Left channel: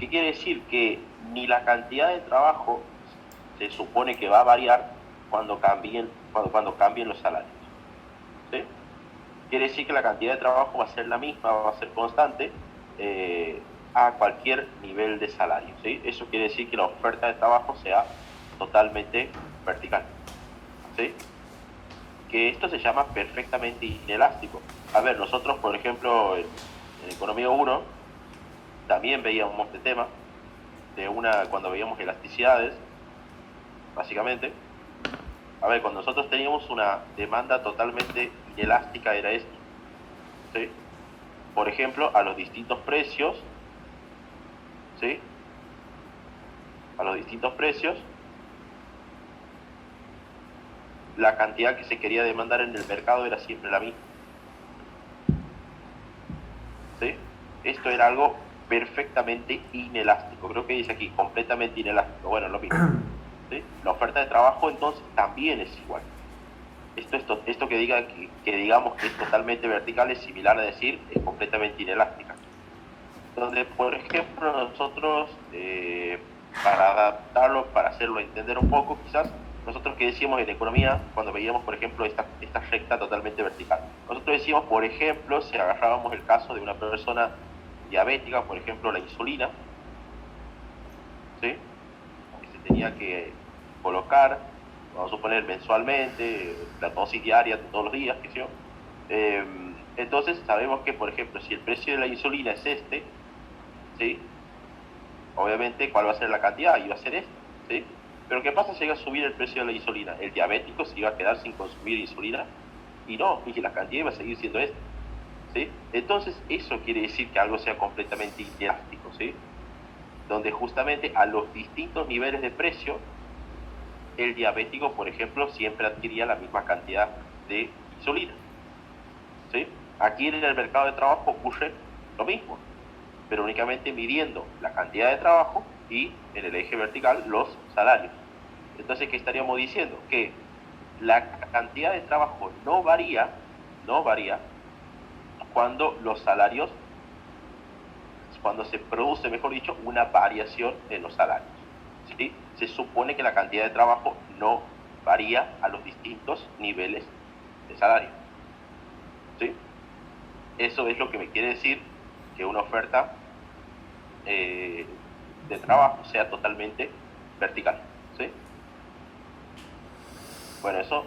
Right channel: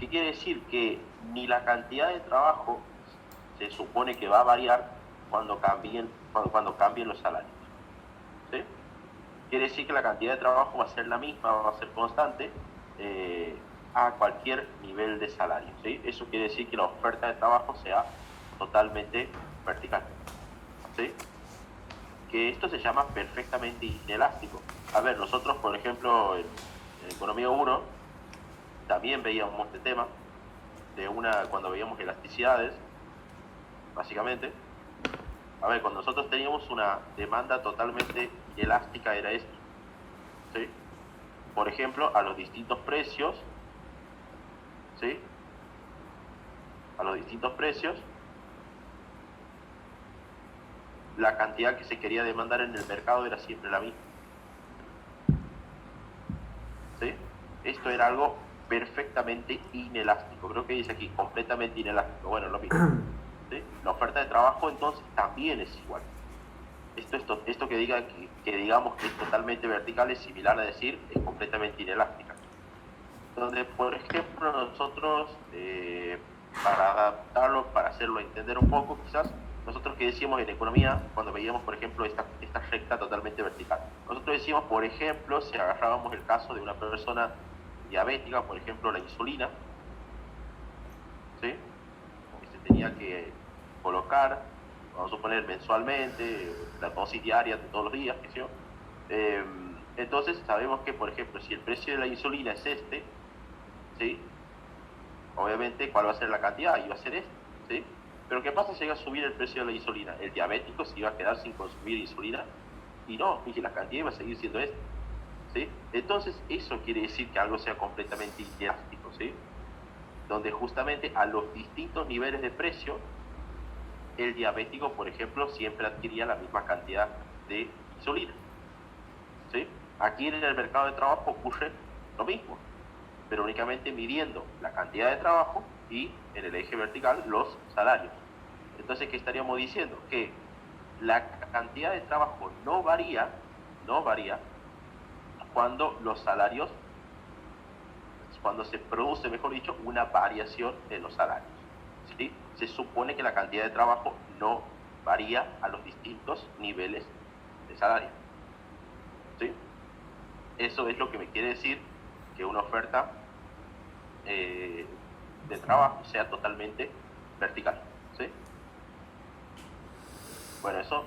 ¿Qué quiere decir? Que ni la cantidad de trabajo se supone que va a variar cuando cambien los salarios. ¿Sí? Quiere decir que la cantidad de trabajo va a ser la misma, va a ser constante a cualquier nivel de salario. ¿Sí? Eso quiere decir que la oferta de trabajo sea totalmente vertical. ¿Sí? Que esto se llama perfectamente inelástico. A ver, nosotros, por ejemplo, en Economía 1, también veíamos este tema, cuando veíamos elasticidades, básicamente. A ver, cuando nosotros teníamos una demanda totalmente inelástica era esto, ¿sí? Por ejemplo, a los distintos precios, ¿sí? A los distintos precios, la cantidad que se quería demandar en el mercado era siempre la misma, ¿sí? Esto era algo perfectamente inelástico. Creo que dice aquí, completamente inelástico. Bueno, lo mismo, ¿sí? La oferta de trabajo entonces también es igual. Esto que digamos que es totalmente vertical es similar a decir es completamente inelástica. Donde, por ejemplo, nosotros, para adaptarlo, para hacerlo entender un poco, quizás, nosotros que decíamos en economía, cuando veíamos, por ejemplo, esta recta totalmente vertical, nosotros decíamos, por ejemplo, si agarrábamos el caso de una persona diabética, por ejemplo, la insulina, ¿sí? Que se tenía que colocar, vamos a suponer mensualmente, la dosis diaria de todos los días, qué sé yo. Entonces sabemos que, por ejemplo, si el precio de la insulina es este, ¿sí? Obviamente, ¿cuál va a ser la cantidad? Y va a ser este, ¿sí? Pero ¿qué pasa si llega a subir el precio de la insulina? El diabético se iba a quedar sin consumir insulina y no, y la cantidad iba a seguir siendo esta, ¿sí? Entonces, eso quiere decir que algo sea completamente inelástico, ¿sí? Donde justamente a los distintos niveles de precio, el diabético, por ejemplo, siempre adquiría la misma cantidad de insulina, ¿sí? Aquí en el mercado de trabajo ocurre lo mismo, pero únicamente midiendo la cantidad de trabajo y en el eje vertical los salarios. Entonces, ¿qué estaríamos diciendo? Que la cantidad de trabajo no varía cuando los salarios, cuando se produce, mejor dicho, una variación en los salarios, ¿sí? Se supone que la cantidad de trabajo no varía a los distintos niveles de salario, ¿sí? Eso es lo que me quiere decir que una oferta de trabajo sea totalmente vertical, ¿sí? Bueno, eso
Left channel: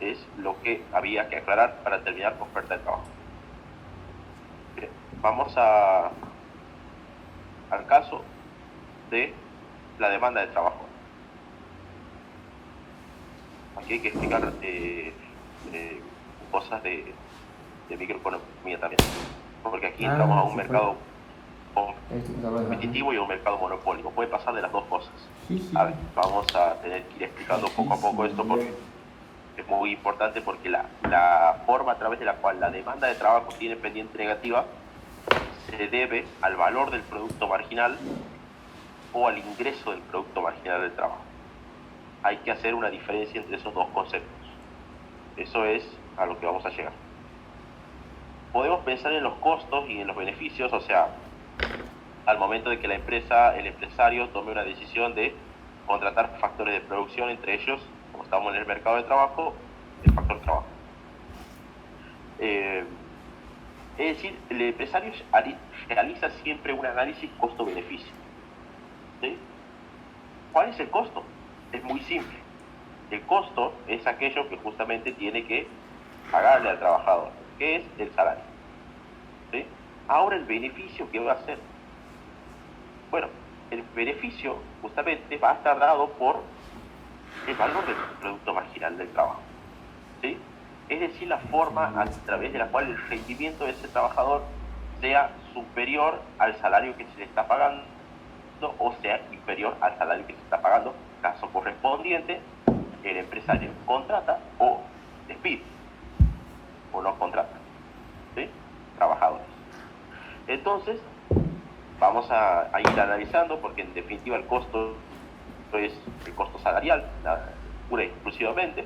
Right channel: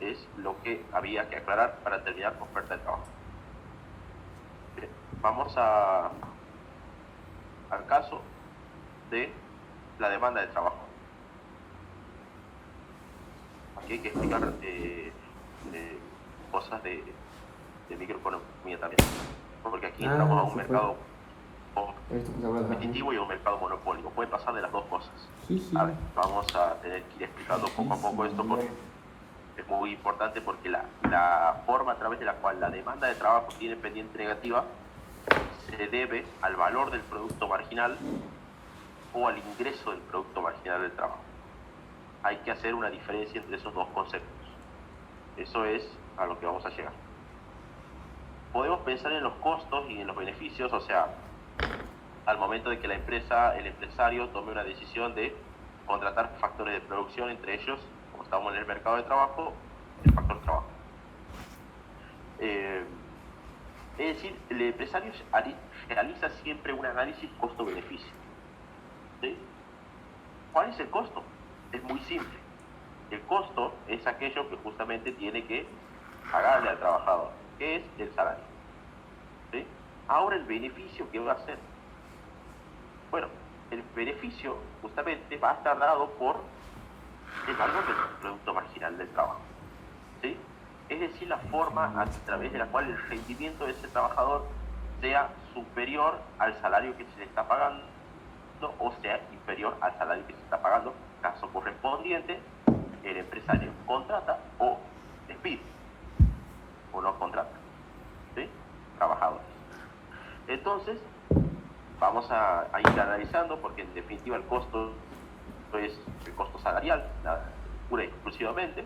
es lo que había que aclarar para terminar con oferta de trabajo. Bien, vamos al caso de la demanda de trabajo. Aquí hay que explicar cosas de microeconomía también, porque aquí entramos a un Sí, claro. mercado competitivo y a un mercado monopólico. Puede pasar de las dos cosas. Sí, sí. A ver, vamos a tener que ir explicando Sí, poco a poco esto porque es muy importante, porque la forma a través de la cual la demanda de trabajo tiene pendiente negativa se debe al valor del producto marginal o al ingreso del producto marginal del trabajo. Hay que hacer una diferencia entre esos dos conceptos. Eso es a lo que vamos a llegar. Podemos pensar en los costos y en los beneficios, o sea, al momento de que el empresario tome una decisión de contratar factores de producción, entre ellos, como estamos en el mercado de trabajo, el factor trabajo. Es decir, el empresario realiza siempre un análisis costo-beneficio, ¿sí? ¿Cuál es el costo? Es muy simple. El costo es aquello que justamente tiene que pagarle al trabajador, que es el salario, ¿sí? Ahora, el beneficio, ¿qué va a hacer? Bueno, el beneficio justamente va a estar dado por el valor del producto marginal del trabajo, ¿sí? Es decir, la forma a través de la cual el rendimiento de ese trabajador sea superior al salario que se le está pagando o sea inferior al salario que se está pagando. Caso correspondiente, el empresario contrata o despide o no contrata, ¿sí? Trabajadores. Entonces, vamos a ir analizando, porque en definitiva el costo es el costo salarial, pura y exclusivamente,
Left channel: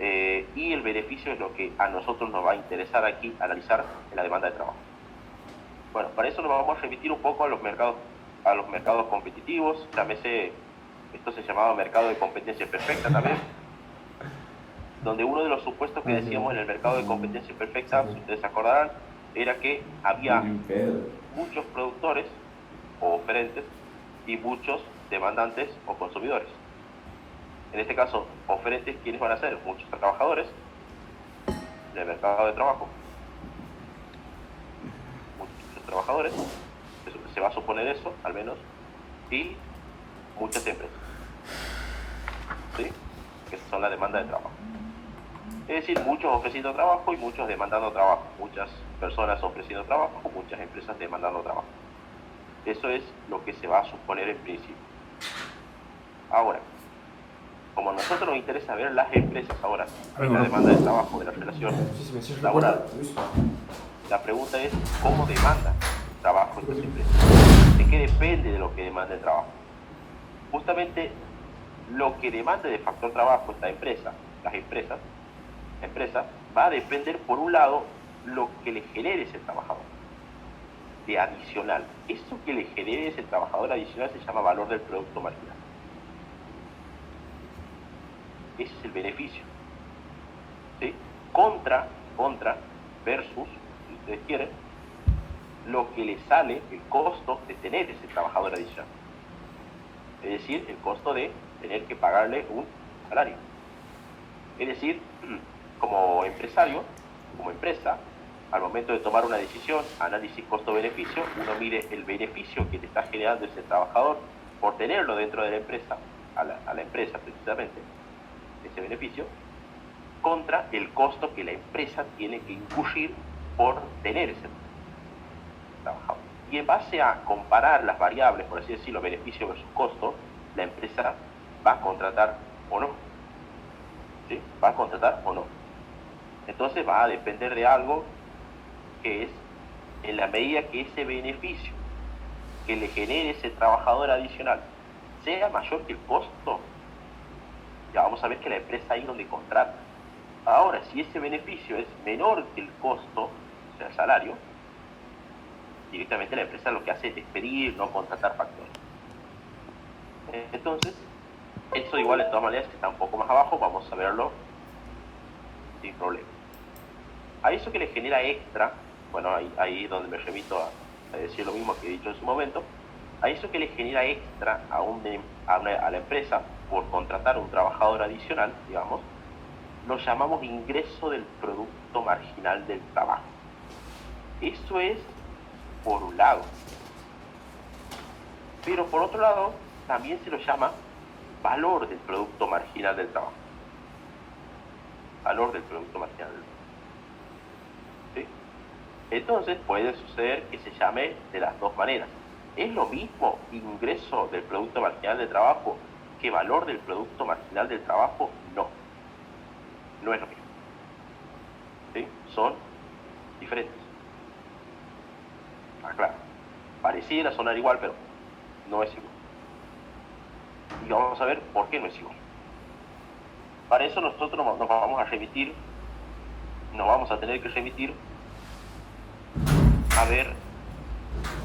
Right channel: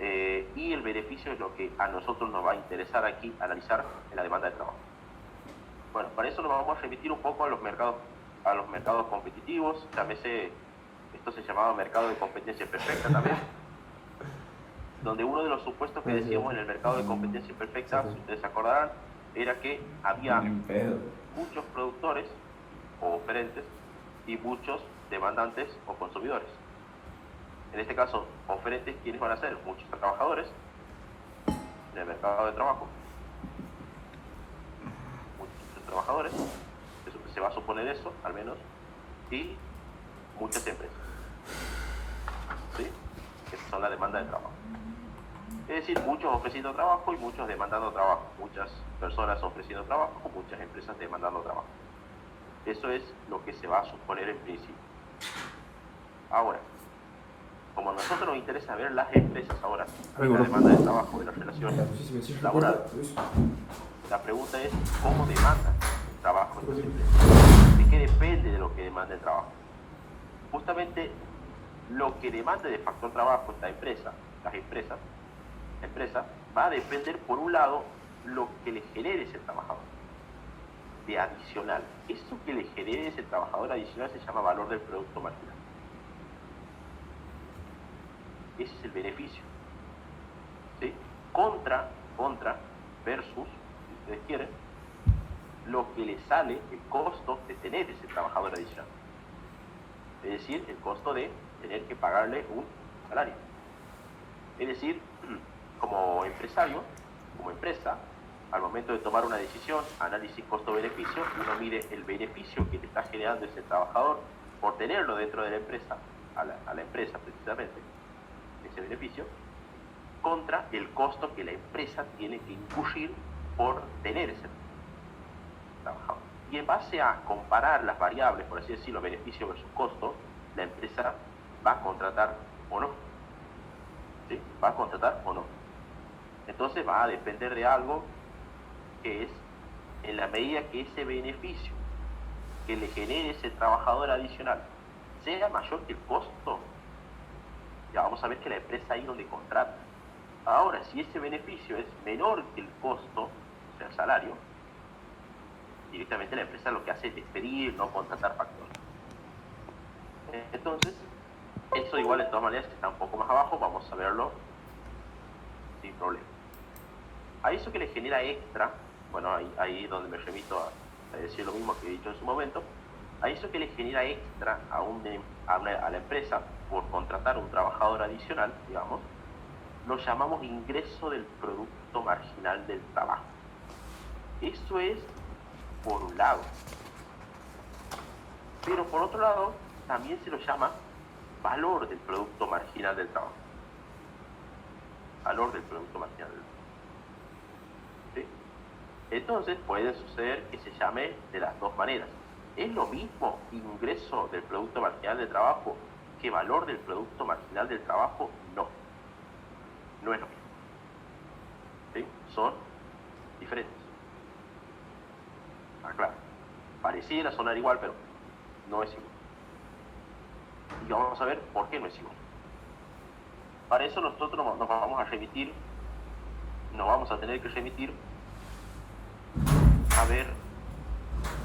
y el beneficio es lo que a nosotros nos va a interesar aquí analizar en la demanda de trabajo. Bueno, para eso nos vamos a remitir un poco a los mercados competitivos. Llámese, esto se llamaba mercado de competencia perfecta también, donde uno de los supuestos que decíamos en el mercado de competencia perfecta, si ustedes se acordarán, era que había muchos productores o oferentes y muchos demandantes o consumidores. En este caso, oferentes, ¿quiénes van a ser? Muchos trabajadores en el mercado de trabajo. Muchos trabajadores, se va a suponer eso, al menos, y muchas empresas, ¿sí? Que son la demanda de trabajo. Es decir, muchos ofreciendo trabajo y muchos demandando trabajo. Muchas personas ofreciendo trabajo, muchas empresas demandando trabajo. Eso es lo que se va a suponer en principio. Ahora, como a nosotros nos interesa ver las empresas ahora, la demanda de trabajo, de la relación laboral, la pregunta es, ¿cómo demanda trabajo estas empresas? ¿De qué depende de lo que demanda el trabajo? Justamente lo que demanda de factor trabajo esta empresa, las empresas, la empresa, va a depender, por un lado, lo que le genere ese trabajador de adicional. Eso que le genere ese trabajador adicional se llama valor del producto marginal. Ese es el beneficio, ¿sí? Contra, versus, si ustedes quieren, lo que le sale, el costo de tener ese trabajador adicional. Es decir, el costo de tener que pagarle un salario. Es decir, como empresario, como empresa, al momento de tomar una decisión, análisis costo-beneficio, uno mide el beneficio que le está generando ese trabajador por tenerlo dentro de la empresa, a la empresa precisamente, ese beneficio, contra el costo que la empresa tiene que incurrir por tener ese trabajador. Y en base a comparar las variables, por así decirlo, beneficio versus costo, la empresa va a contratar o no. ¿Sí? Va a contratar o no. Entonces va a depender de algo que es en la medida que ese beneficio que le genere ese trabajador adicional sea mayor que el costo, ya vamos a ver que la empresa ahí donde contrata. Ahora, si ese beneficio es menor que el costo, o sea, el salario, directamente la empresa lo que hace es despedir, no contratar factores. Entonces, eso igual de todas maneras está un poco más abajo, vamos a verlo sin problema. A eso que le genera extra, bueno, ahí donde me remito a decir lo mismo que he dicho en su momento, a eso que le genera extra a la empresa por contratar un trabajador adicional, digamos, lo llamamos ingreso del producto marginal del trabajo. Eso es por un lado. Pero por otro lado, también se lo llama valor del producto marginal del trabajo. Valor del producto marginal del trabajo. ¿Sí? Entonces puede suceder que se llame de las dos maneras. ¿Es lo mismo ingreso del producto marginal del trabajo que valor del producto marginal del trabajo? No. No es lo mismo. ¿Sí? Son diferentes. Claro. Pareciera sonar igual, pero no es igual. Y vamos a ver por qué no es igual. Para eso nosotros nos vamos a tener que remitir a ver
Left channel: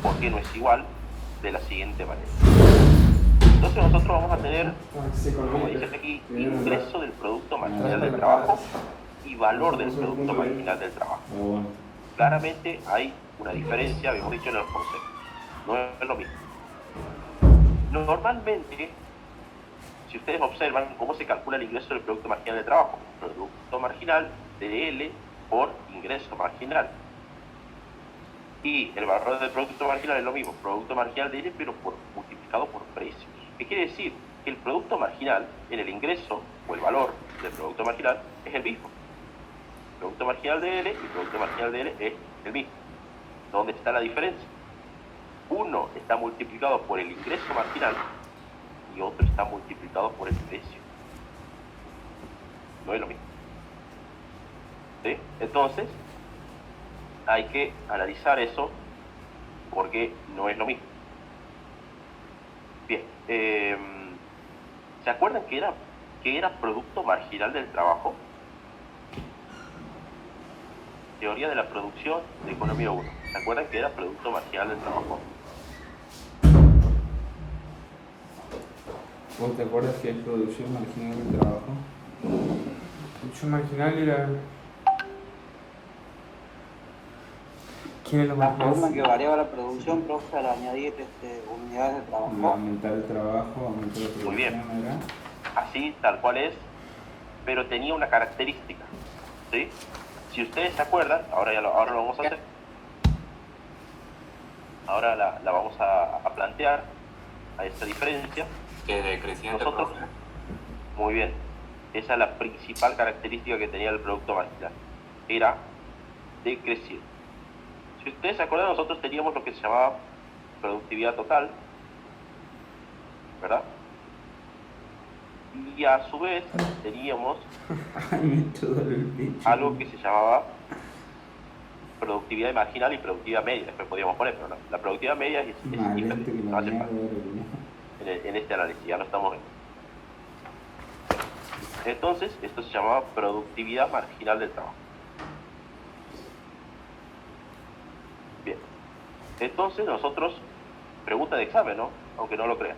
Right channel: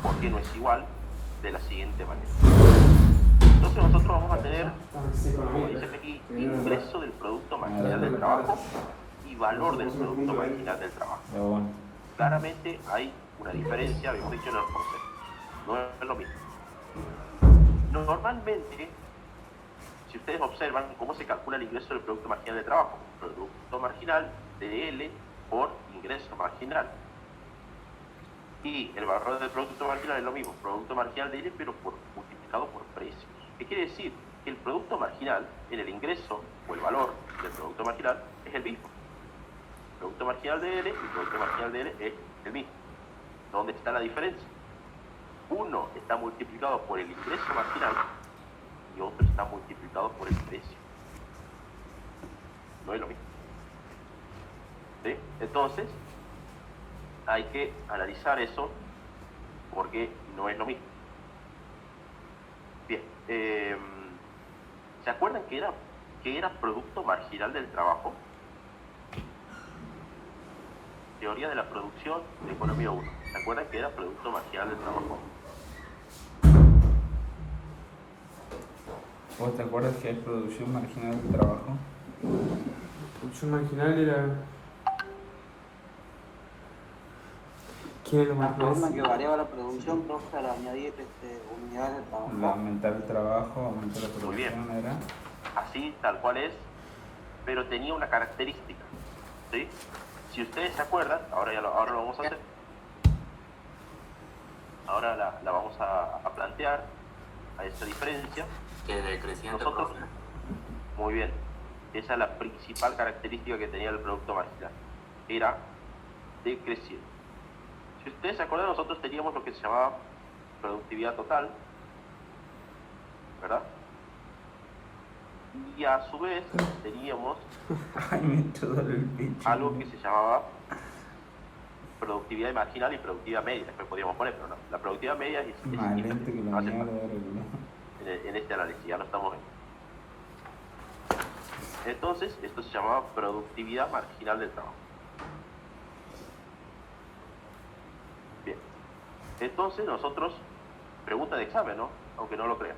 por qué no es igual de la siguiente manera. Entonces nosotros vamos a tener, como dice aquí, ingreso del producto marginal del trabajo y valor del producto marginal del trabajo. Claramente hay una diferencia, habíamos dicho en los conceptos. No es lo mismo. Normalmente, si ustedes observan cómo se calcula el ingreso del producto marginal del trabajo, producto marginal DL por ingreso marginal. Y el valor del producto marginal es lo mismo, producto marginal DL, pero multiplicado por precio. ¿Qué quiere decir? Que el producto marginal en el ingreso o el valor del producto marginal es el mismo. El producto marginal DL y el producto marginal DL es el mismo. ¿Dónde está la diferencia? Uno está multiplicado por el ingreso marginal y otro está multiplicado por el precio. No es lo mismo. ¿Sí? Entonces, hay que analizar eso porque no es lo mismo. Bien, ¿se acuerdan que era producto marginal del trabajo? teoría de la producción de economía 1. ¿Se acuerdan que era producto marginal del trabajo? ¿Vos te acuerdas que es producción marginal del trabajo? Producción marginal era. ¿Quién es lo La más forma más? que variaba la producción, profe, al añadir unidades de trabajo. Aumentar el trabajo, aumentar la Muy bien. producción, ¿era? Así, tal cual es, pero tenía una característica, ¿sí? Si ustedes se acuerdan, ahora lo vamos a hacer. Ahora la vamos a plantear a esta diferencia. Que decreciente, Nosotros, profe. muy bien, esa es la principal característica que tenía el producto marginal, era decreciente. Si ustedes se acuerdan, nosotros teníamos lo que se llamaba productividad total, ¿verdad? Y a su vez teníamos algo que se llamaba productividad marginal y productividad media. Después podíamos poner, pero no. La productividad media es diferente, no hace falta en este análisis, ya lo estamos viendo. Entonces, esto se llamaba productividad marginal del trabajo. Bien. Entonces, nosotros, pregunta de examen, ¿no? Aunque no lo crean.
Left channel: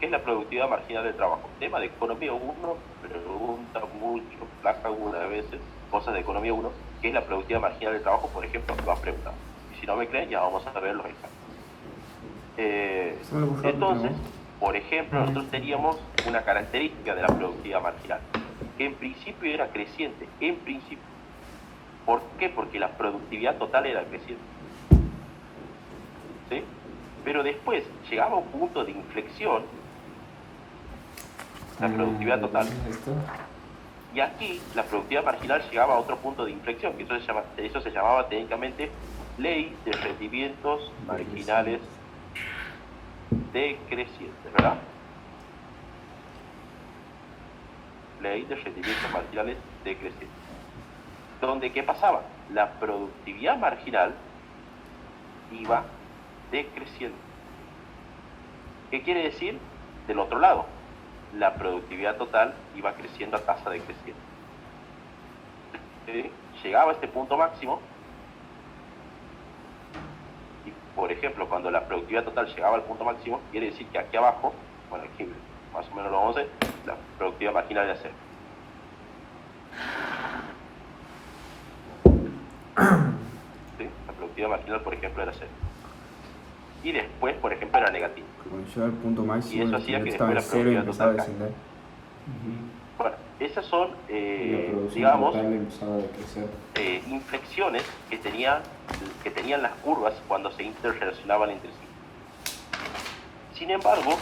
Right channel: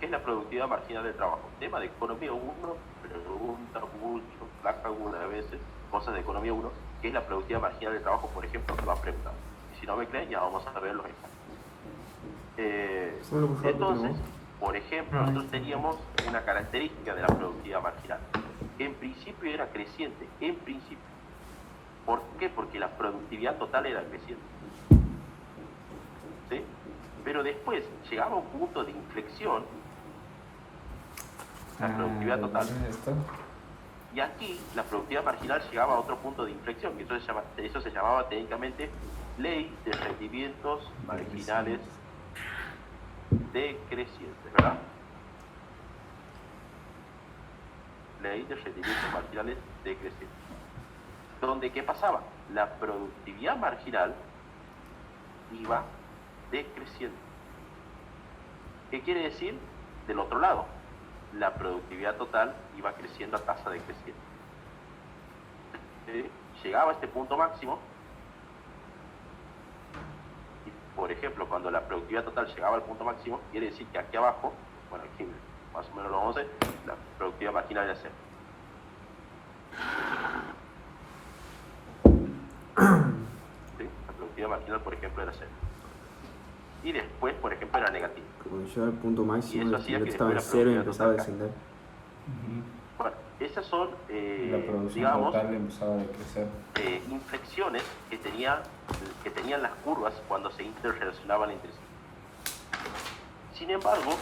¿Qué es la productividad marginal del trabajo? Tema de economía 1, pregunta mucho, placa algunas veces, cosas de economía 1, ¿qué es la productividad marginal del trabajo? Por ejemplo, lo han preguntado. Y si no me creen, ya vamos a ver los exámenes. Entonces, por ejemplo, nosotros teníamos una característica de la productividad marginal, que en principio era creciente, en principio. ¿Por qué? Porque la productividad total era creciente. ¿Sí? Pero después llegaba a un punto de inflexión, la productividad total, y aquí la productividad marginal llegaba a otro punto de inflexión, que eso se llamaba técnicamente ley de rendimientos marginales decrecientes, ¿verdad? Ley de rendimientos marginales decrecientes. Donde, ¿qué pasaba? La productividad marginal iba decreciendo. ¿Qué quiere decir? Del otro lado, la productividad total iba creciendo a tasa decreciente. ¿Sí? Llegaba a este punto máximo y, por ejemplo, cuando la productividad total llegaba al punto máximo, quiere decir que aquí abajo, bueno, aquí más o menos lo vamos a ver, la productividad marginal era cero. ¿Sí? La productividad marginal, por ejemplo, era cero. Y después, por ejemplo, era negativo. Y eso hacía que después la productividad total caiga. Bueno, esas son, digamos, inflexiones que tenían las curvas cuando se interrelacionaban entre sí. Sin embargo,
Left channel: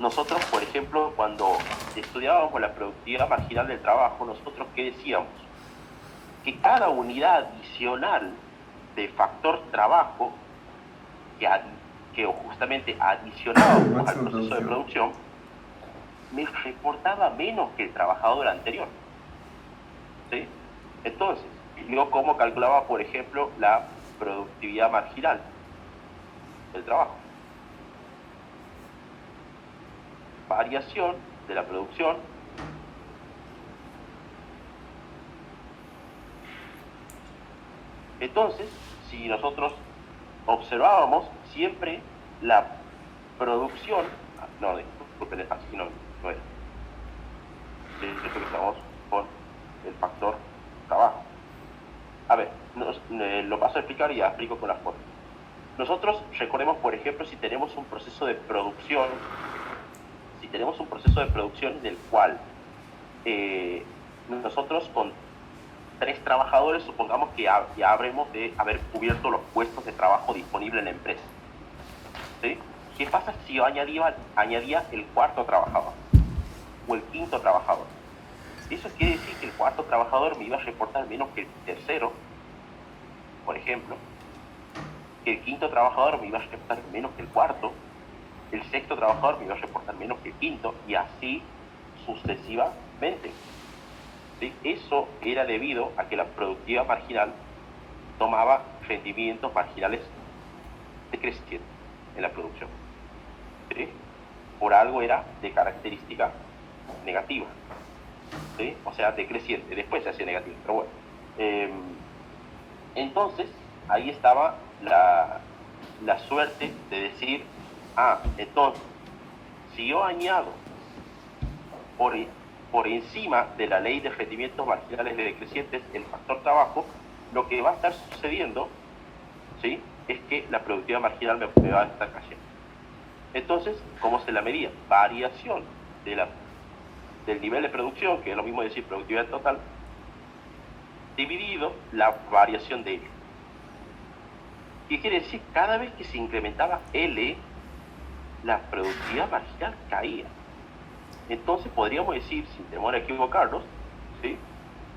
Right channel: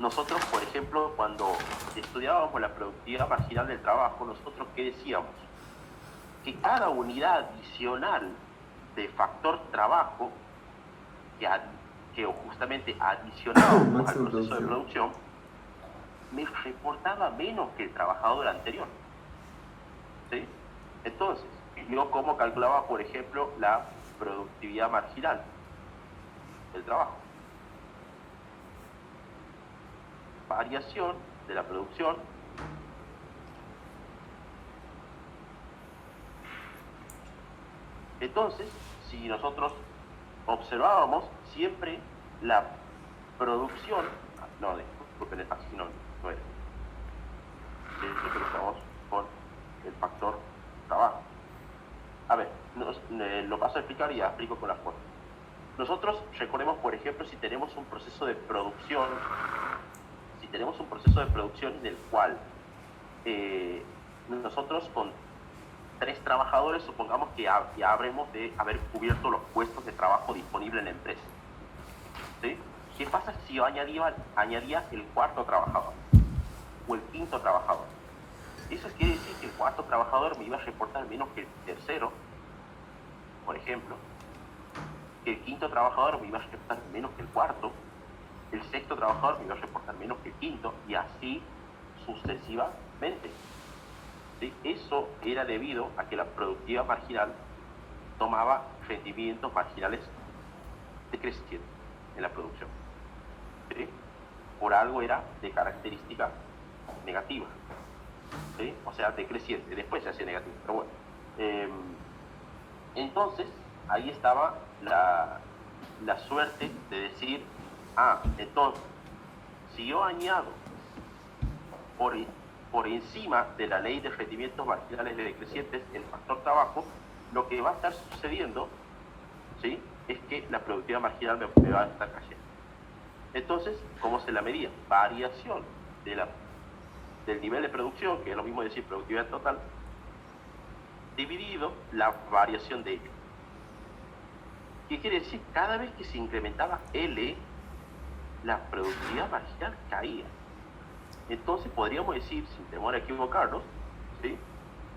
nosotros, por ejemplo, cuando estudiábamos la productividad marginal del trabajo, nosotros ¿qué decíamos? Que cada unidad adicional de factor trabajo que justamente adicionábamos al proceso de producción, me reportaba menos que el trabajador anterior. ¿Sí? Entonces, yo cómo calculaba, por ejemplo, la productividad marginal del trabajo. Variación de la producción entonces, si nosotros observábamos siempre la producción, no, disculpen, así no es. Siempre estamos con el factor trabajo. A ver, lo paso a explicar y ya explico con las fotos. Nosotros recordemos, por ejemplo, si tenemos un proceso de producción, en el cual nosotros con 3 trabajadores, supongamos que ya habremos de haber cubierto los puestos de trabajo disponibles en la empresa. ¿Sí? ¿Qué pasa si yo añadía el cuarto trabajador o el quinto trabajador? Eso quiere decir que el cuarto trabajador me iba a reportar menos que el tercero, por ejemplo, que el quinto trabajador me iba a reportar menos que el cuarto, el sexto trabajador me iba a reportar menos que el quinto, y así sucesivamente. ¿Sí? Eso era debido a que la productividad marginal tomaba rendimientos marginales decrecientes en la producción. ¿Sí? Por algo era de característica negativa. ¿Sí? O sea, decreciente. Después se hacía negativo, pero bueno. Entonces, ahí estaba la suerte de decir, entonces, si yo añado por encima de la ley de rendimientos marginales decrecientes el factor trabajo, lo que va a estar sucediendo, ¿sí?, es que la productividad marginal me va a estar cayendo. Entonces, ¿cómo se la medía? Variación del nivel de producción, que es lo mismo decir productividad total, dividido la variación de L. ¿Qué quiere decir? Cada vez que se incrementaba L, la productividad marginal caía. Entonces podríamos decir, sin temor a equivocarnos, ¿sí?,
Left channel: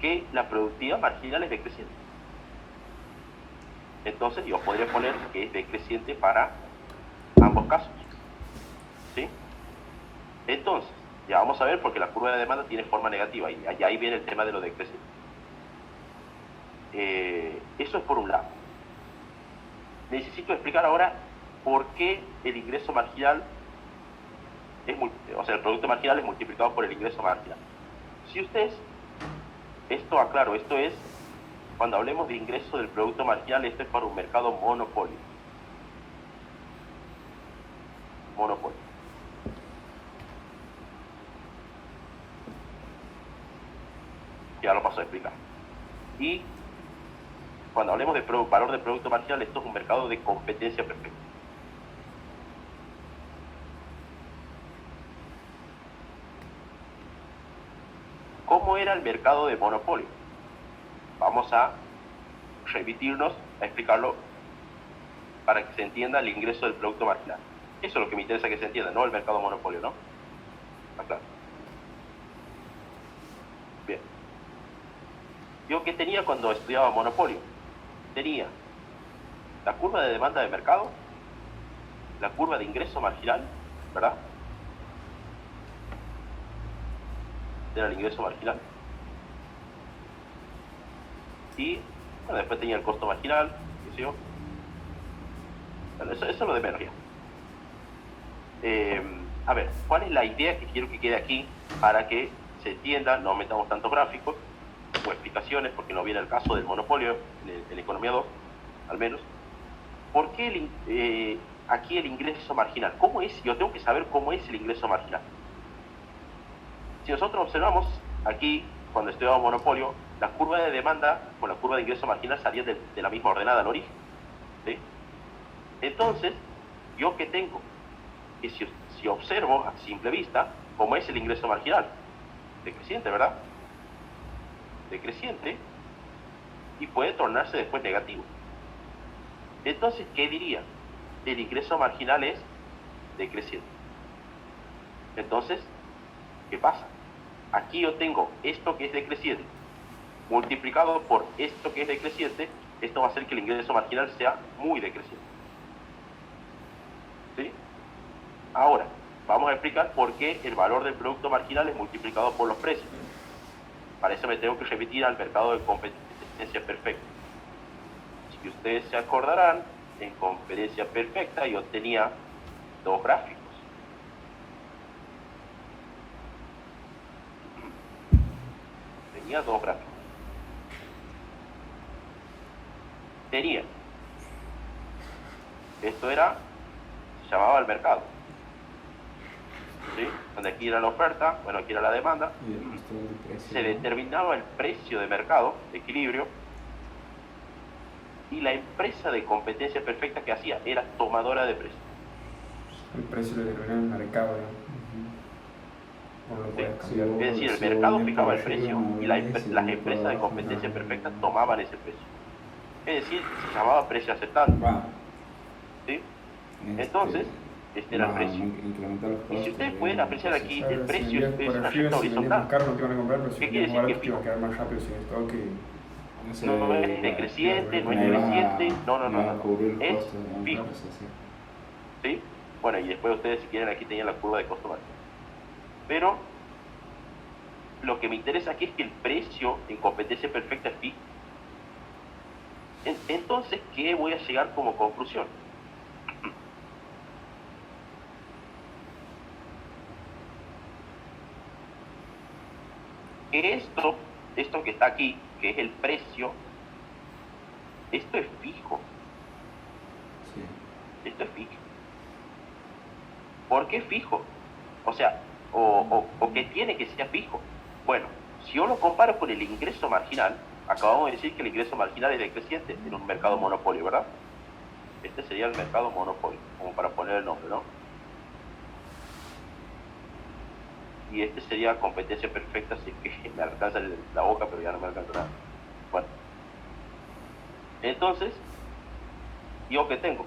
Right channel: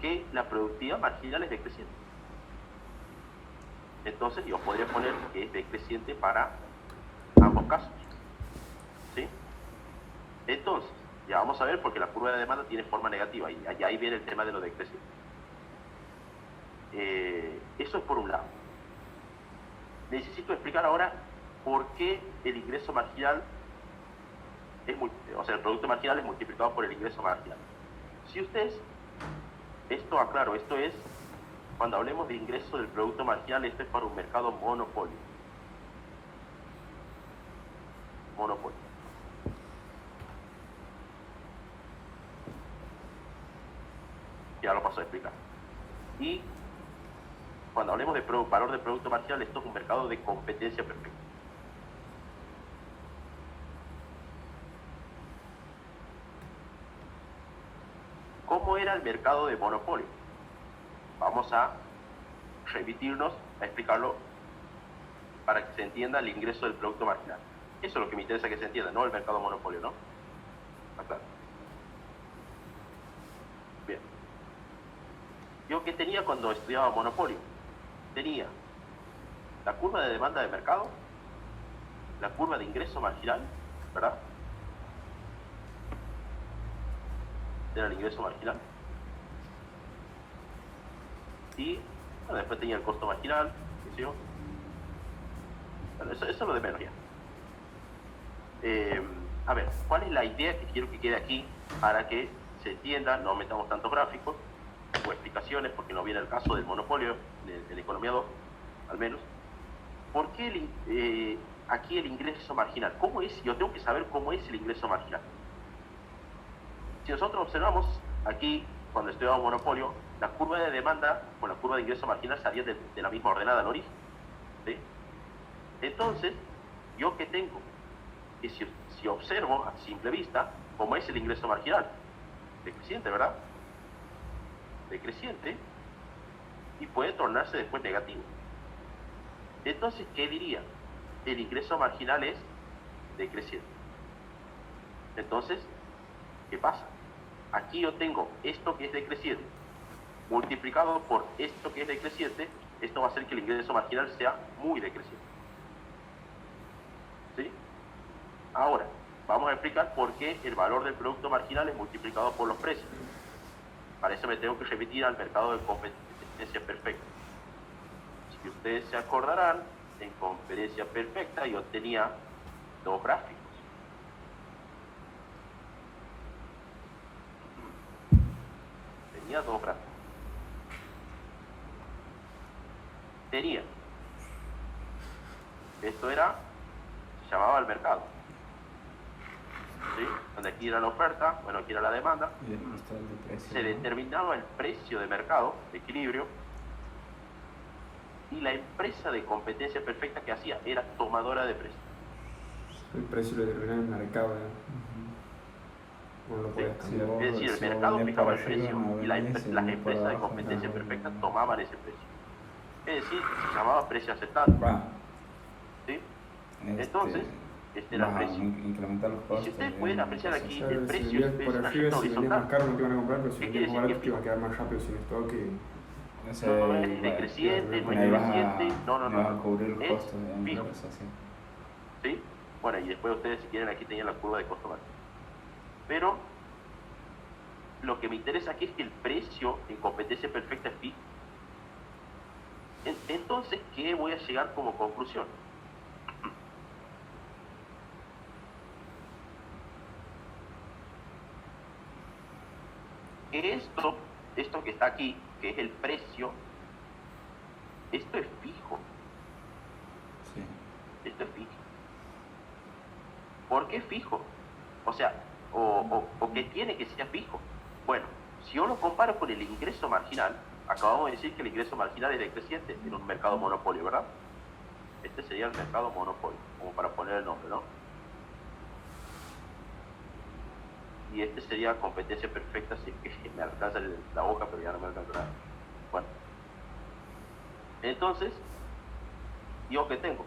que la productividad marginal es decreciente. Entonces yo podría poner que es decreciente para ambos casos, ¿sí? Entonces, ya vamos a ver porque la curva de demanda tiene forma negativa y ahí viene el tema de lo decreciente. Eso es por un lado. Necesito explicar ahora por qué el ingreso marginal el producto marginal es multiplicado por el ingreso marginal. Si ustedes, esto aclaro, esto es, cuando hablemos de ingreso del producto marginal, esto es para un mercado monopolio. Monopolio. Ya lo paso a explicar. Y cuando hablemos de valor del producto marginal, esto es un mercado de competencia perfecta. ¿Cómo era el mercado de monopolio? Vamos a remitirnos a explicarlo para que se entienda el ingreso del producto marginal. Eso es lo que me interesa que se entienda, no el mercado monopolio, ¿no? Acá. Bien. ¿Yo qué tenía cuando estudiaba monopolio? Tenía la curva de demanda de mercado, la curva de ingreso marginal, ¿verdad? Era el ingreso marginal. Y bueno, después tenía el costo marginal, ¿qué sé yo? Bueno, eso es lo de menos ya. A ver, ¿cuál es la idea que quiero que quede aquí para que se entienda? No metamos tantos gráficos o explicaciones porque no viene el caso del monopolio en la economía 2, al menos. ¿Por qué aquí el ingreso marginal? ¿Cómo es? Yo tengo que saber cómo es el ingreso marginal. Si nosotros observamos aquí, cuando estudiamos monopolio, la curva de demanda con la curva de ingreso marginal salían de la misma ordenada al origen, ¿sí? Entonces, ¿yo qué tengo? Que si observo a simple vista, ¿cómo es el ingreso marginal? Decreciente, ¿verdad? Decreciente, y puede tornarse después negativo. Entonces, ¿qué diría? El ingreso marginal es decreciente. Entonces, ¿qué pasa? Aquí yo tengo esto que es decreciente multiplicado por esto que es decreciente. Esto va a hacer que el ingreso marginal sea muy decreciente, ¿sí? Ahora, vamos a explicar por qué el valor del producto marginal es multiplicado por los precios. Para eso me tengo que remitir al mercado de competencia perfecta. Si ustedes se acordarán, en competencia perfecta yo tenía dos gráficos. Tenía, esto se llamaba el mercado, ¿sí? Donde aquí era la oferta, bueno, aquí era la demanda, se determinaba el precio de mercado, de equilibrio, y la empresa de competencia perfecta que hacía era tomadora de precios. El precio lo determina el mercado, ¿no? Sí. Es decir, el mercado fijaba el precio y las empresas de competencia perfecta tomaban ese precio. Es decir, se llamaba precio aceptable. ¿Sí? Entonces, este era el precio. Y si ustedes pueden apreciar aquí, el precio es una recta horizontal. ¿Qué quiere decir que es fijo? No es decreciente, no es creciente, no. Es fijo. ¿Sí? Bueno, y después ustedes, si quieren, aquí tenían la curva de costo marginal. Pero lo que me interesa aquí es que el precio en competencia perfecta es fijo. Entonces, ¿qué voy a llegar como conclusión? Que esto que está aquí, que es el precio, Esto es fijo. Sí. Esto es fijo. ¿Por qué fijo? O sea, o que tiene que ser fijo. Bueno, si yo lo comparo con el ingreso marginal, acabamos de decir que el ingreso marginal es decreciente en un mercado monopolio, ¿verdad? Este sería el mercado monopolio, como para poner el nombre, ¿no? Y este sería competencia perfecta, si es que me alcanza la boca, pero ya no me alcanza nada. Bueno, entonces, ¿yo qué tengo?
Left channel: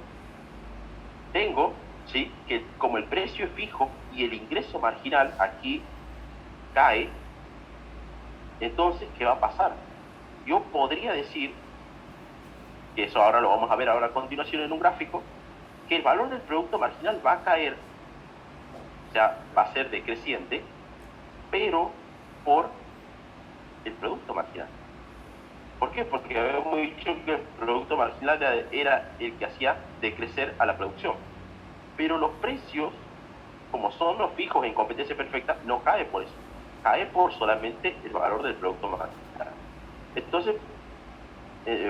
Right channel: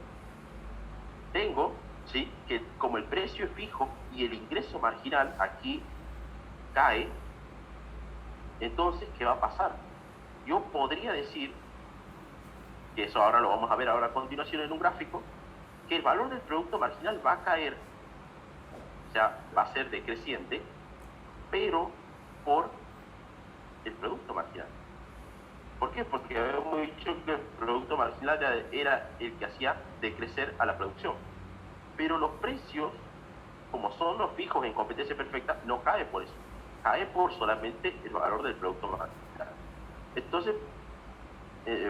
Tengo, ¿sí?, que como el precio es fijo y el ingreso marginal aquí cae, entonces, ¿qué va a pasar? Yo podría decir, que eso ahora lo vamos a ver ahora a continuación en un gráfico, que el valor del producto marginal va a caer, o sea, va a ser decreciente, pero por el producto marginal. ¿Por qué? Porque habíamos dicho que el producto marginal era el que hacía decrecer a la producción. Pero los precios, como son los fijos en competencia perfecta, no cae por eso. Cae por solamente el valor del producto marginal. Entonces,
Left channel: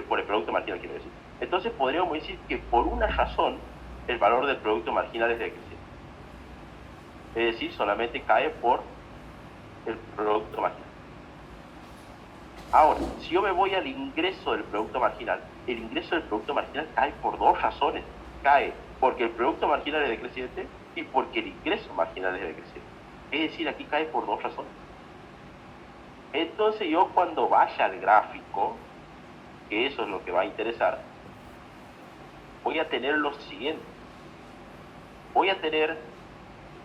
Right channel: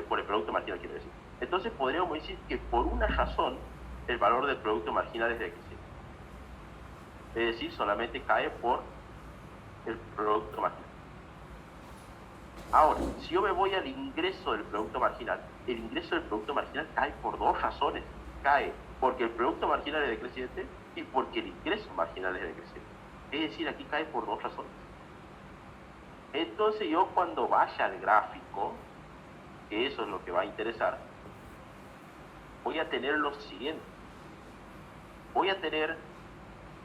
por el producto marginal quiero decir. Entonces podríamos decir que por una razón el valor del producto marginal es decreciente. Es decir, solamente cae por el producto marginal. Ahora, si yo me voy al ingreso del producto marginal, el ingreso del producto marginal cae por dos razones. Cae porque el producto marginal es decreciente y porque el ingreso marginal es decreciente. Es decir, aquí cae por dos razones. Entonces yo cuando vaya al gráfico, que eso es lo que va a interesar, voy a tener lo siguiente. Voy a tener,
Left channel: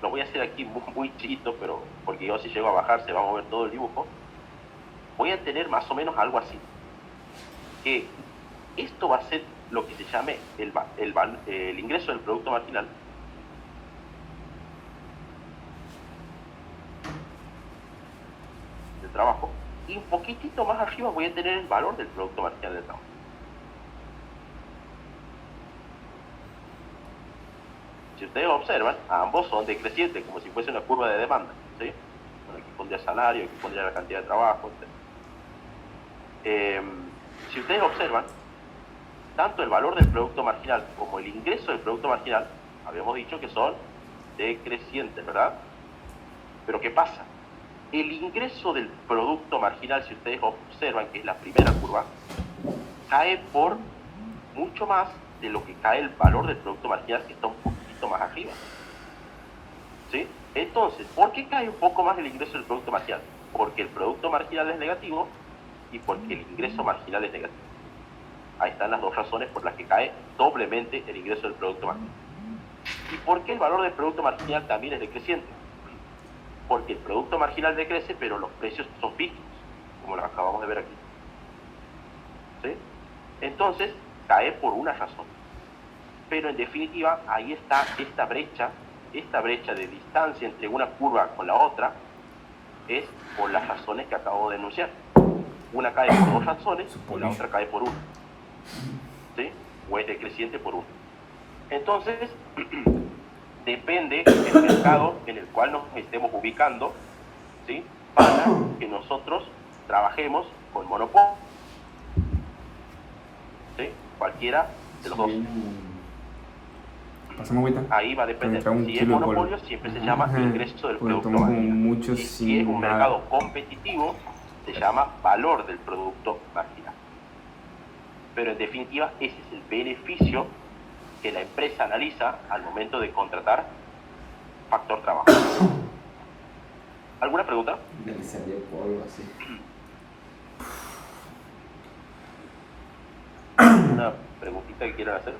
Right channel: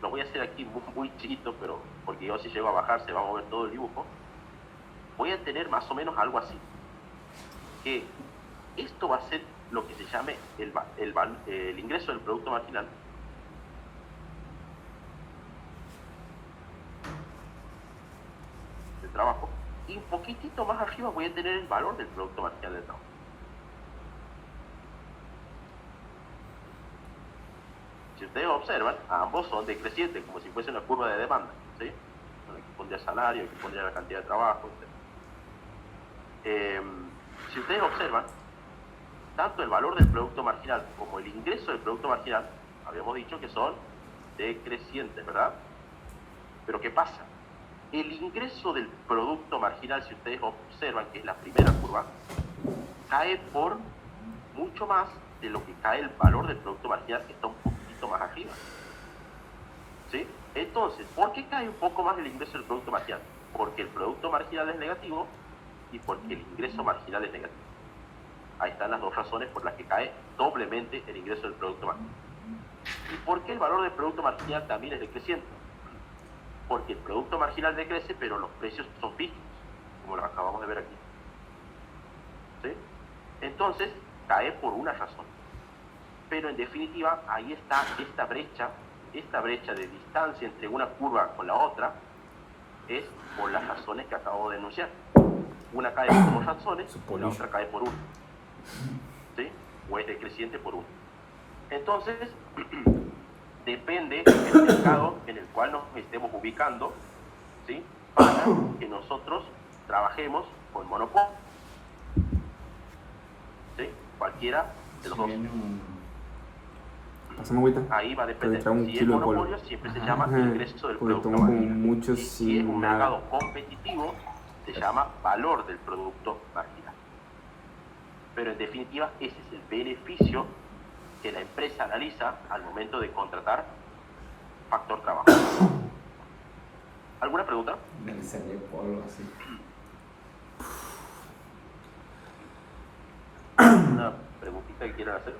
lo voy a hacer aquí muy chiquito, pero porque yo si llego a bajar se va a mover todo el dibujo. Voy a tener más o menos algo así. Que esto va a ser lo que se llame el ingreso del producto marginal. Del trabajo. Y un poquitito más arriba voy a tener el valor del producto marginal del trabajo. Si ustedes observan, ambos son decrecientes, como si fuese una curva de demanda, ¿sí? Bueno, aquí pondría salario, aquí pondría la cantidad de trabajo, etc. Si ustedes observan, tanto el valor del producto marginal como el ingreso del producto marginal, habíamos dicho que son decrecientes, ¿verdad? Pero ¿qué pasa? El ingreso del producto marginal, si ustedes observan, que es la primera curva, cae por mucho más de lo que cae el valor del producto marginal, que está un poquito más arriba. ¿Sí? Entonces, ¿por qué cae un poco más el ingreso del producto marginal? Porque el producto marginal es negativo y porque el ingreso marginal es negativo. Ahí están las dos razones por las que cae doblemente el ingreso del producto marginal. ¿Y por qué el valor del producto marginal también es decreciente? Porque el producto marginal decrece, pero los precios son fijos, como lo acabamos de ver aquí. ¿Sí? Entonces, cae por una razón. Pero en definitiva, ahí está esta brecha de distancia entre una curva con la otra, es por las razones que acabo de enunciar. Una cae por dos razones y la otra cae por una. ¿Sí? O es decreciente por una. Entonces, depende del mercado en el cual nos estemos ubicando, ¿sí?, para que nosotros trabajemos con monopolio. ¿Sí? Cualquiera de los dos. Ahí va a depender. Si es monopolio, siempre se llama ingreso del producto marginal. Si es un mercado competitivo, se llama valor del producto marginal. Pero en definitiva, ese es el beneficio que la empresa analiza al momento de contratar factor trabajo. ¿Alguna pregunta? Analizaría polvo así. ¿Una preguntita que quieran hacer?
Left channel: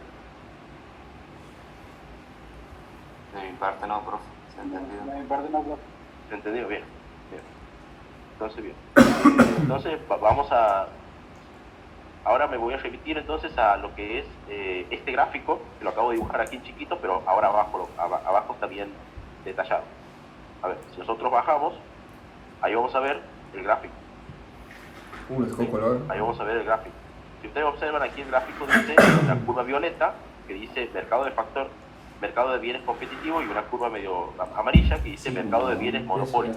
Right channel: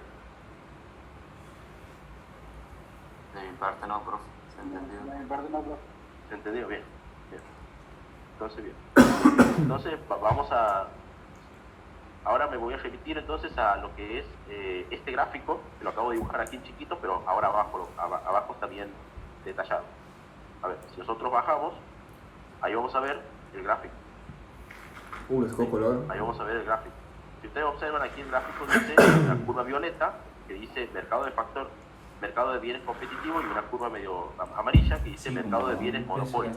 De mi parte no, profe. ¿Se entendió? De mi parte no, profe. ¿Entendido? Bien. Entonces, bien. Entonces, vamos a... Ahora me voy a remitir entonces a lo que es este gráfico, que lo acabo de dibujar aquí en chiquito, pero ahora abajo está bien detallado. A ver, si nosotros bajamos, ahí vamos a ver el gráfico. Les dejó color. Ahí vamos a ver el gráfico. Si ustedes observan aquí el gráfico, dice una curva violeta que dice mercado de bienes competitivos, y una curva medio amarilla que dice mercado de bienes monopolio.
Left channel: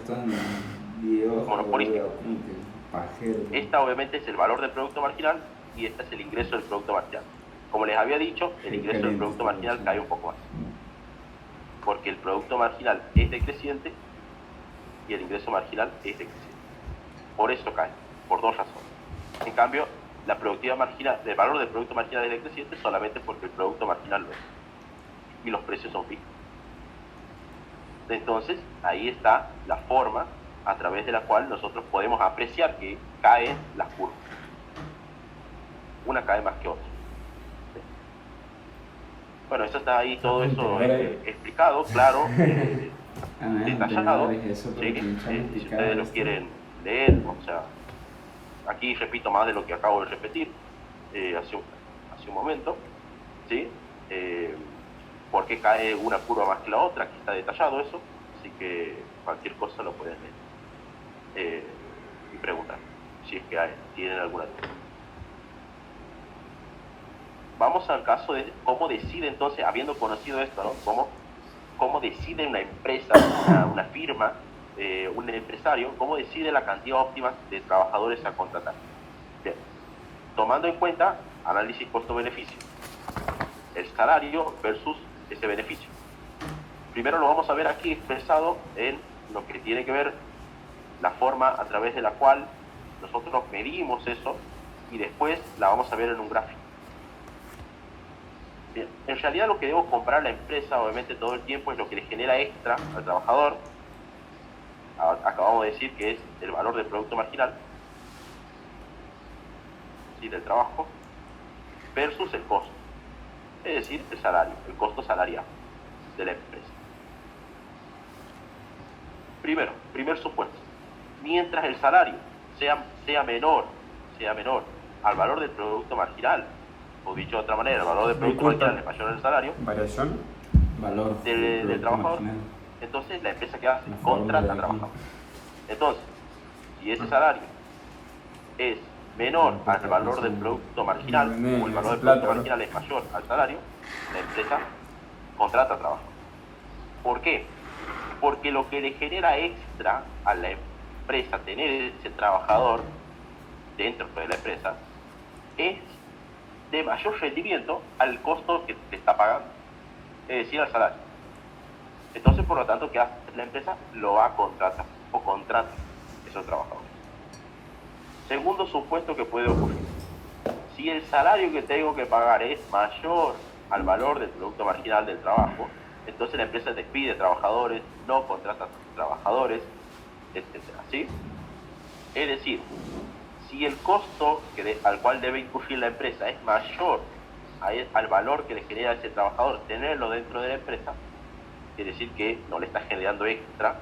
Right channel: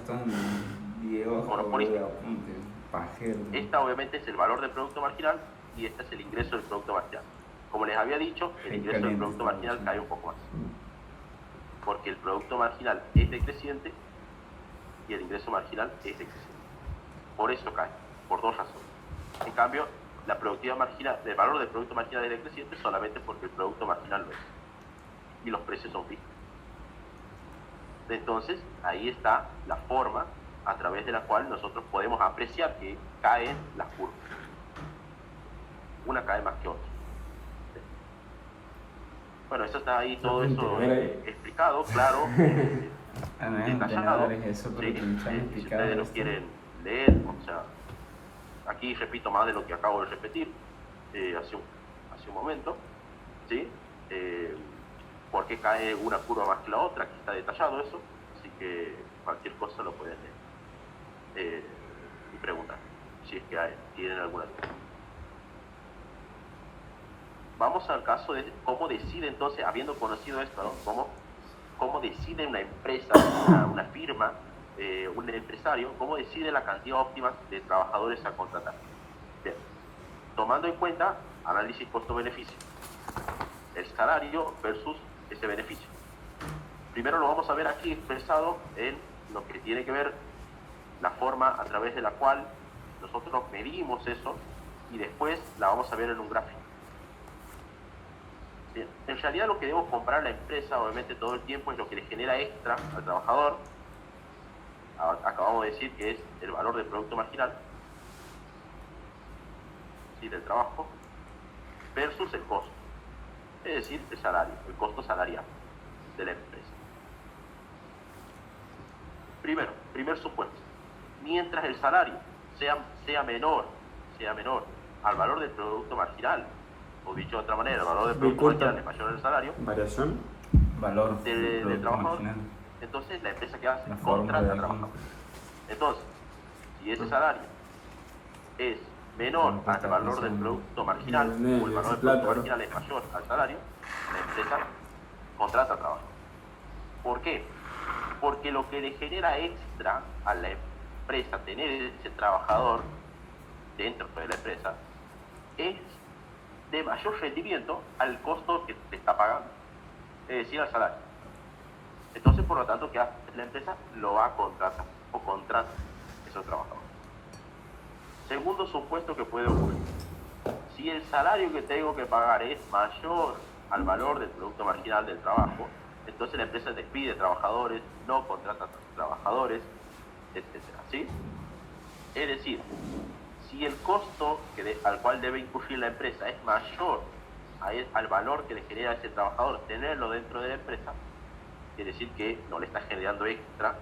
Monopolista. Esta obviamente es el valor del producto marginal y este es el ingreso del producto marginal. Como les había dicho, el ingreso del producto marginal cae un poco más, porque el producto marginal es decreciente y el ingreso marginal es decreciente. Por eso cae, por dos razones. En cambio, la productividad marginal, el valor del producto marginal es decreciente solamente porque el producto marginal lo es y los precios son fijos. Entonces, ahí está la forma a través de la cual nosotros podemos apreciar que caen las curvas. Una cae más que otra. Bueno, eso está ahí, todo eso explicado, claro, detallado. ¿Sí? Si ustedes lo quieren leer, o sea, aquí repito más de lo que acabo de repetir hace un momento, ¿sí? ¿Por qué cae una curva más que la otra? Aquí está detallado eso, así que cualquier cosa lo pueden leer y preguntar, si es que tienen alguna duda. Vamos al caso de cómo decide entonces, habiendo conocido esto, ¿no? Cómo decide una empresa, una firma, un empresario, cómo decide la cantidad óptima de trabajadores a contratar. Bien. Tomando en cuenta análisis costo-beneficio, el salario versus ese beneficio. Primero lo vamos a ver aquí expresado en lo que tiene que ver la forma a través de la cual nosotros medimos eso, y después la vamos a ver en un gráfico. Bien. En realidad lo que debo comprar la empresa, obviamente todo el tiempo, es lo que le genera extra al trabajador. Acabamos de decir que es el valor del producto marginal, ¿sí?, del trabajo, versus el costo, es decir, el salario, el costo salarial de la empresa. Primer supuesto, mientras el salario sea menor al valor del producto marginal, o dicho de otra manera, el valor del producto marginal es mayor al salario, variación, valor del trabajador, entonces la empresa que hace contrata trabajadores. Entonces, si ese salario es menor al valor del producto marginal, o el valor del producto marginal es mayor al salario, la empresa contrata trabajadores. ¿Por qué? Porque lo que le genera extra a la empresa tener ese trabajador dentro de la empresa es de mayor rendimiento al costo que te está pagando, es decir, al salario. Entonces, por lo tanto, ¿qué hace la empresa? Lo va a contratar o contrata esos trabajadores. Segundo supuesto que puede ocurrir: si el salario que tengo que pagar es mayor al valor del producto marginal del trabajo, entonces la empresa despide trabajadores, no contrata trabajadores, etc. ¿Sí? Es decir, si el costo al cual debe incurrir la empresa es mayor al valor que le genera a ese trabajador tenerlo dentro de la empresa, quiere decir que no le está generando extra,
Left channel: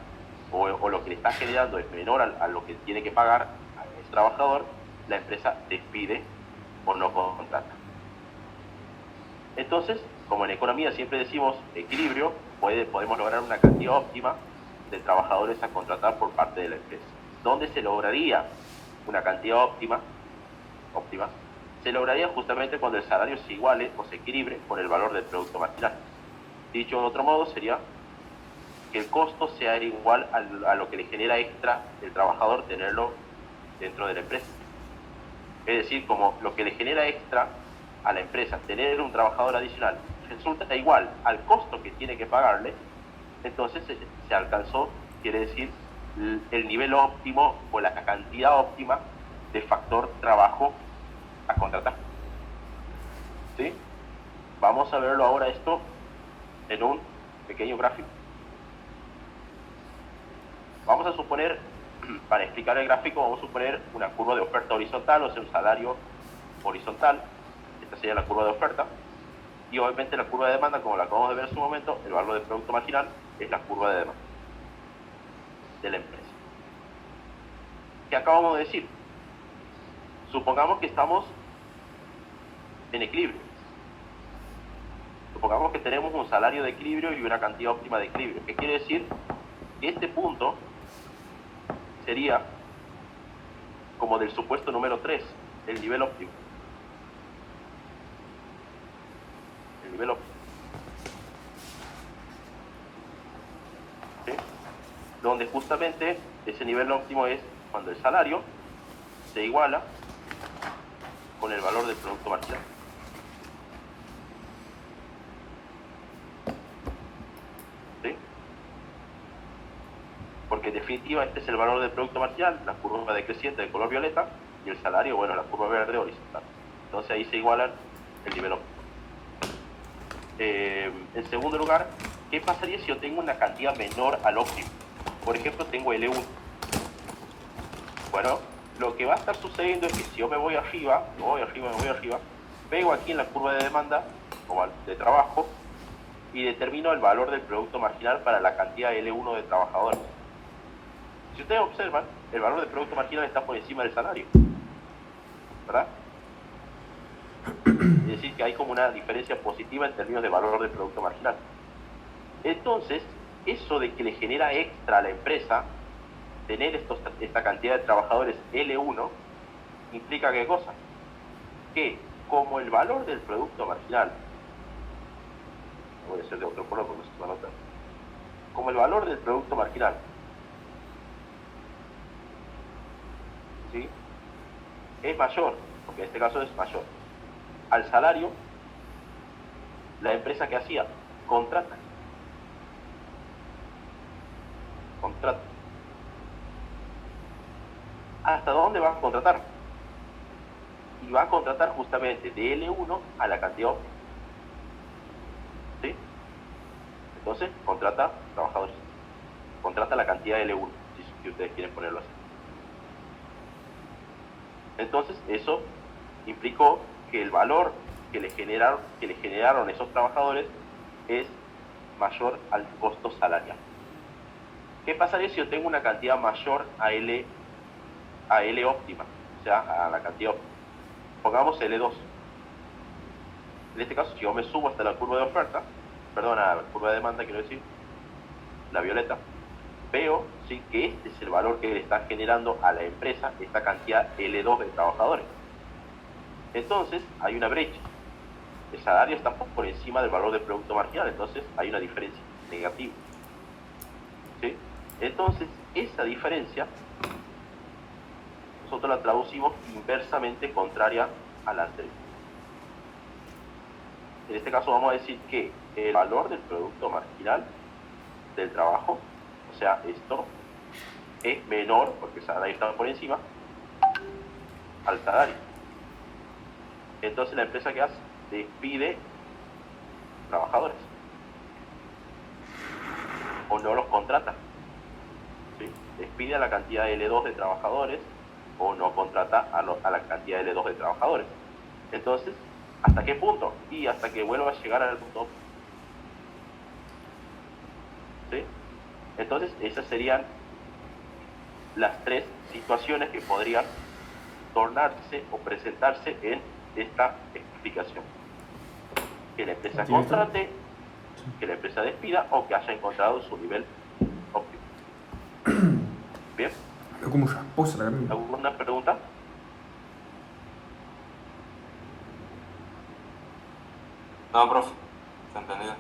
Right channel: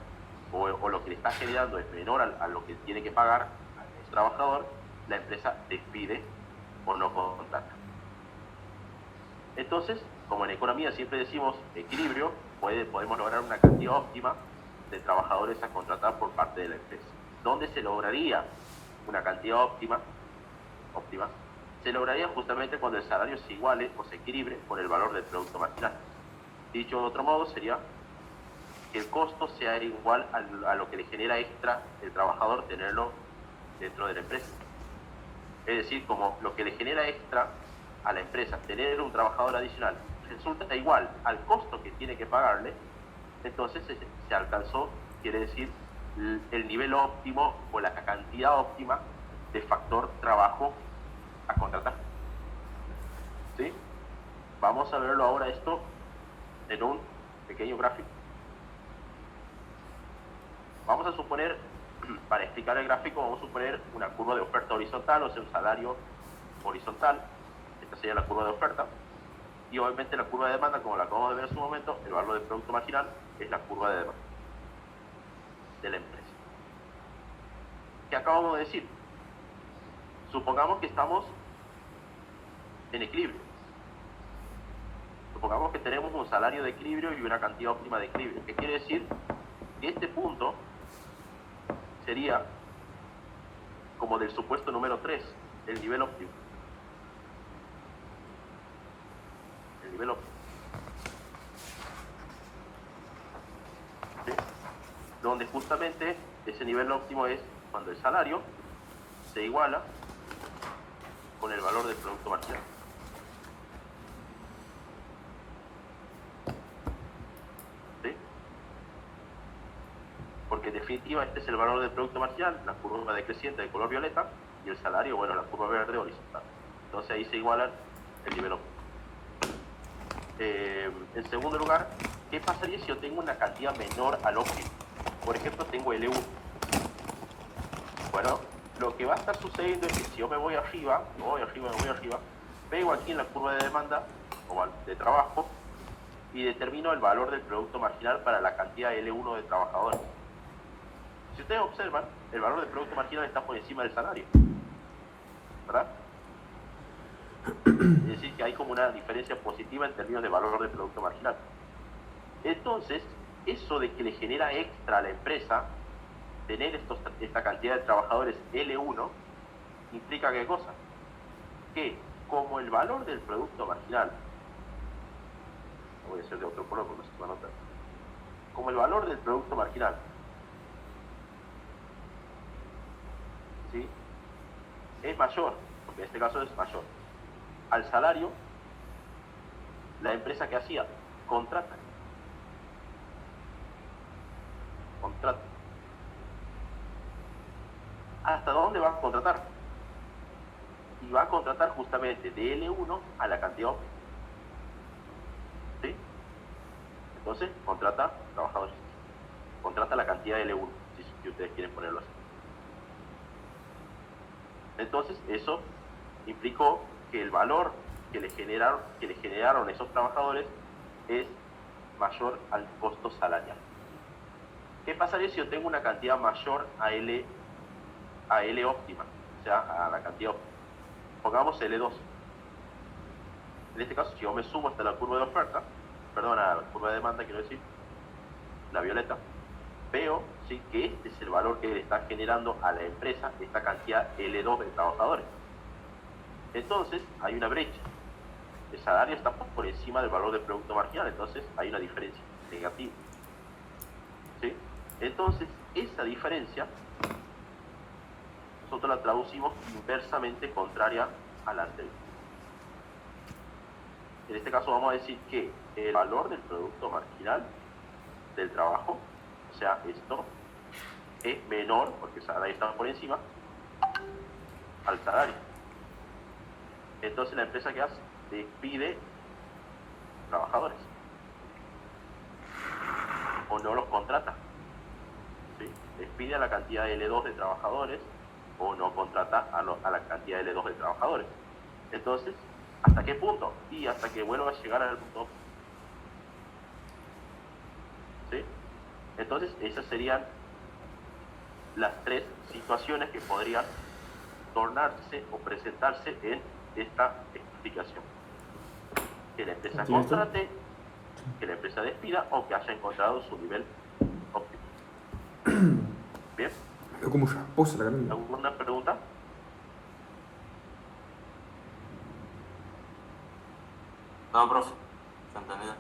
o lo que le está generando es menor a lo que tiene que pagar a ese trabajador, la empresa despide o no contrata. Entonces, como en economía siempre decimos equilibrio, podemos lograr una cantidad óptima de trabajadores a contratar por parte de la empresa. ¿Dónde se lograría una cantidad óptima? Se lograría justamente cuando el salario se iguale o se equilibre con el valor del producto marginal. Dicho de otro modo, sería que el costo sea igual a lo que le genera extra el trabajador tenerlo dentro de la empresa. Es decir, como lo que le genera extra a la empresa tener un trabajador adicional resulta igual al costo que tiene que pagarle, entonces se alcanzó, quiere decir, el nivel óptimo o la cantidad óptima de factor trabajo a contratar. ¿Sí? Vamos a verlo ahora esto en un pequeño gráfico. Vamos a suponer, para explicar el gráfico, vamos a suponer una curva de oferta horizontal, o sea, un salario horizontal. Esta sería la curva de oferta. Y obviamente la curva de demanda, como la acabamos de ver en su momento, el valor del producto marginal es la curva de demanda de la empresa. ¿Qué acabamos de decir? Supongamos que estamos en equilibrio. Supongamos que tenemos un salario de equilibrio y una cantidad óptima de equilibrio. ¿Qué quiere decir? Que este punto sería como del supuesto número 3, el nivel óptimo. El nivel óptimo. ¿Sí? Donde justamente ese nivel óptimo es cuando el salario se iguala con el valor del producto marginal. ¿Sí? Porque en definitiva este es el valor del producto marginal, la curva decreciente de color violeta, y el salario, bueno, la curva verde horizontal. Entonces ahí se igualan el nivel óptimo. En segundo lugar, ¿qué pasaría si yo tengo una cantidad menor al óptimo? Por ejemplo, tengo L1. Bueno, lo que va a estar sucediendo es que si yo me voy arriba, pego aquí en la curva de demanda o de trabajo y determino el valor del producto marginal para la cantidad L1 de trabajadores. Si ustedes observan, el valor del producto marginal está por encima del salario, ¿verdad? Es decir, que hay como una diferencia positiva en términos de valor del producto marginal. Entonces, eso de que le genera extra a la empresa tener esta cantidad de trabajadores L1 implica ¿qué cosa? Que como el valor del producto marginal, voy a hacer de otro color porque no se va a notar, como el valor del producto marginal, ¿sí?, es mayor, porque en este caso es mayor, al salario, la empresa que hacía, contrata. ¿Hasta dónde va a contratar? Y va a contratar justamente de L1 a la cantidad óptima. ¿Sí? Entonces, contrata trabajadores. Contrata la cantidad de L1, si ustedes quieren ponerlo así. Entonces, eso implicó que el valor que le generaron esos trabajadores es mayor al costo salarial. ¿Qué pasaría si yo tengo una cantidad mayor a L óptima? O sea, a la cantidad óptima. Pongamos L2. En este caso, si yo me subo hasta la curva de oferta, perdón, a la curva de demanda, quiero decir, la violeta, veo, sí, que este es el valor que le está generando a la empresa esta cantidad L2 de trabajadores. Entonces, hay una brecha. El salario está por encima del valor del producto marginal, entonces hay una diferencia negativa. ¿Sí? Entonces, esa diferencia nosotros la traducimos inversamente contraria a la anterior. En este caso vamos a decir que el valor del producto marginal del trabajo, o sea, esto es menor, porque el salario está por encima, al salario. Entonces la empresa que hace, despide trabajadores o no los contrata. ¿Sí? Despide a la cantidad de L2 de trabajadores o no contrata a la cantidad de L2 de trabajadores. Entonces, ¿hasta qué punto? Y hasta que vuelva a llegar al punto óptimo. ¿Sí? Entonces, esas serían las tres situaciones que podrían tornarse o presentarse en esta explicación. Que la empresa contrate, que la empresa despida o que haya encontrado su nivel óptimo. ¿Bien? Es como rasposa la gran. ¿Alguna pregunta? No, profe, se entendido.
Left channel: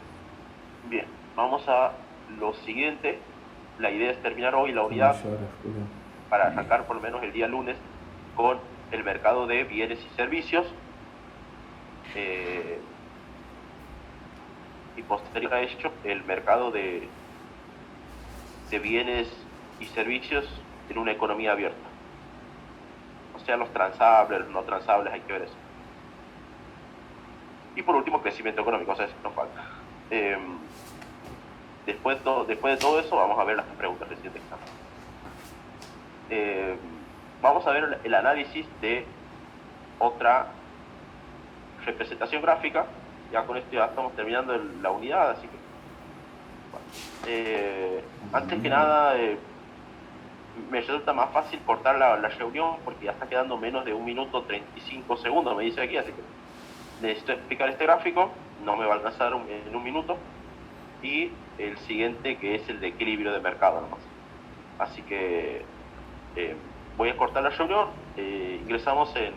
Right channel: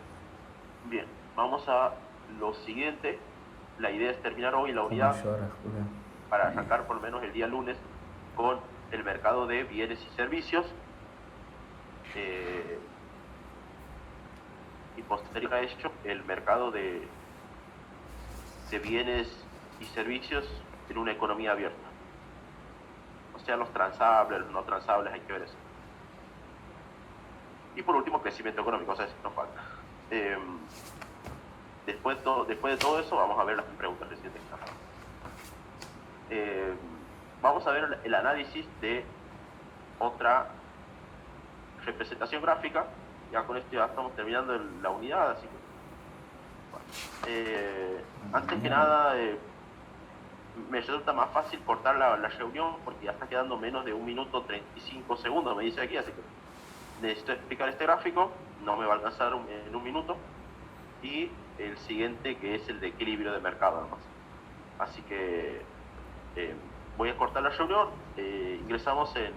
Bien, vamos a lo siguiente. La idea es terminar hoy la unidad para arrancar por lo menos el día lunes con el mercado de bienes y servicios. Y posterior a ello, el mercado de bienes y servicios en una economía abierta. O sea, los transables, los no transables, hay que ver eso. Y por último, crecimiento económico, o sea, eso nos falta. Después de todo eso, vamos a ver las preguntas del siguiente examen. Vamos a ver el análisis de otra representación gráfica. Ya con esto ya estamos terminando la unidad, así que antes que nada me resulta más fácil cortar la reunión porque ya está quedando menos de 1 minuto 35 segundos, me dice aquí, así que necesito explicar este gráfico, no me va a alcanzar en 1 minuto, y el siguiente que es el de equilibrio de mercado nomás. Así que voy a cortar la reunión, ingresamos en